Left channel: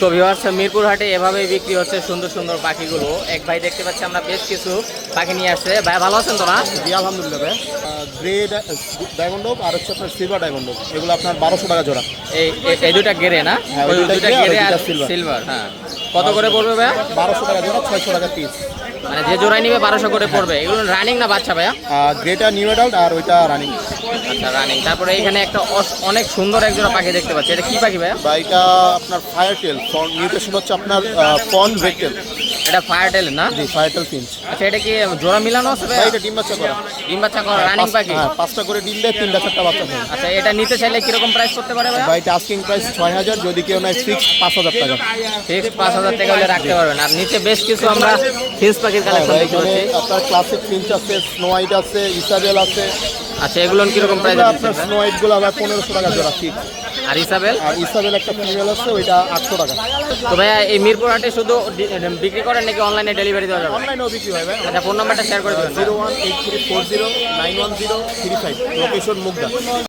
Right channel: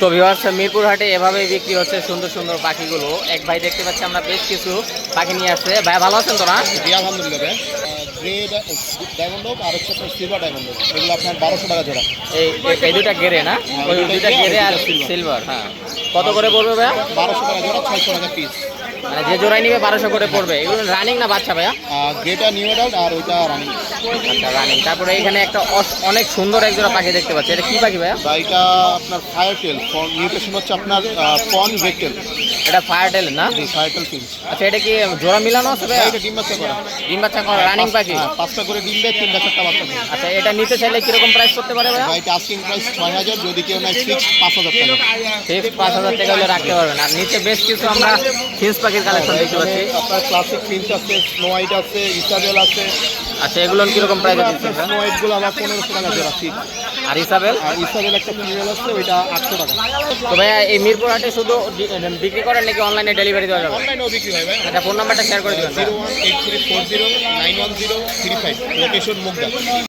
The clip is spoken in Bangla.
তো ভিউয়ার্স, মিরপুর হাটে এভাবেই বিক্রি হচ্ছে সুন্দর সুন্দর পাখিগুলো। এক ভাই দেখতে পাচ্ছি আমরা বেশ কিছু পাখি নিয়ে আসছে। ভাই ভালো আছেন তো না? জি আলহামদুলিল্লাহ ভাই। গ্রে ডায়মন্ড হোক আর হচ্ছে আপনার সিলভার ডায়মন্ড হোক, এগুলো আপনার 1200 টাকা জোড়া। এই দুইটা গেরে না? হ্যাঁ, ওই ওই দুইটা দুইটা গেরে গেরে আর আর দুইটা silver। সিলভার। হ্যাঁ, কত করে পড়বে ভাইয়া? 1200 টাকা জোড়া, 600 টাকা পিস। মানে যে জোড়াই নিবে 1200 করে পড়বে। এগুলো রানিং না বাচ্চা ভাইয়া? আর যেটা নিউ অ্যাডাল্ট আর ওইটা রানিং। আচ্ছা, রানিং। তারপরে এখানে একটা অনেক সুন্দর এক জোড়া পাখি দেখতে পাচ্ছি। এটা কি পাখি ভাইয়া? বা এটা আপনার ফায়ার টেল, মিউটেশন হচ্ছে আপনার পন রেকটেল। এটা ফায়ার টেল না? জি, ফায়ার টেল ফিঞ্চ। আচ্ছা, এটা কি জোড়া মিলানো আছে ভাইয়া? এটা ডিম বাচ্চা করা। ডিম বাচ্চা করা রানিং পাখি? হ্যাঁ, 5টা করে ডিম দেয়, 3টা 4টা বাচ্চা দেয়। আচ্ছা, এটা নিতে চাইলে কিরকম প্রাইস করতে পারে ভাইয়া? বা এটা আস্কিং প্রাইস 6000, যদি কেউ নেয় ফিক্স 5000 টাকা। ফিক্স 5000 টাকা হলে রাখতে পারবেন। আর নিচে বেশ কিছু আমরা ফিক্স পাখির কালেকশন দেখতে এখানে পাচ্ছি। আপনার ক্লাসিক ফিঞ্চ আছে, স্নো হোয়াইট আছে, ইসাবেল আছে। আচ্ছা, এগুলো কিরকম প্রাইস এগুলো দিচ্ছেন আপনার ভাইয়া? স্নো হোয়াইট গুলো আবার 1500 টাকা জোড়া ফিক্স। আর ইসাবেল? আর ইসাবেল একটা ফিমেল আছে, ওইটা 800 টাকা। তো ভাইয়া, এই মিরপুর হাটে শুধু বিক্রি করেন নাকি অনলাইনে ডেলিভারি দেওয়া যাবে? অনলাইনেও বিক্রি হয় ভাই। আচ্ছা, ফোন নাম্বারটা শেয়ার করে দেবেন। 018340910335, লোকেশন মুগদা।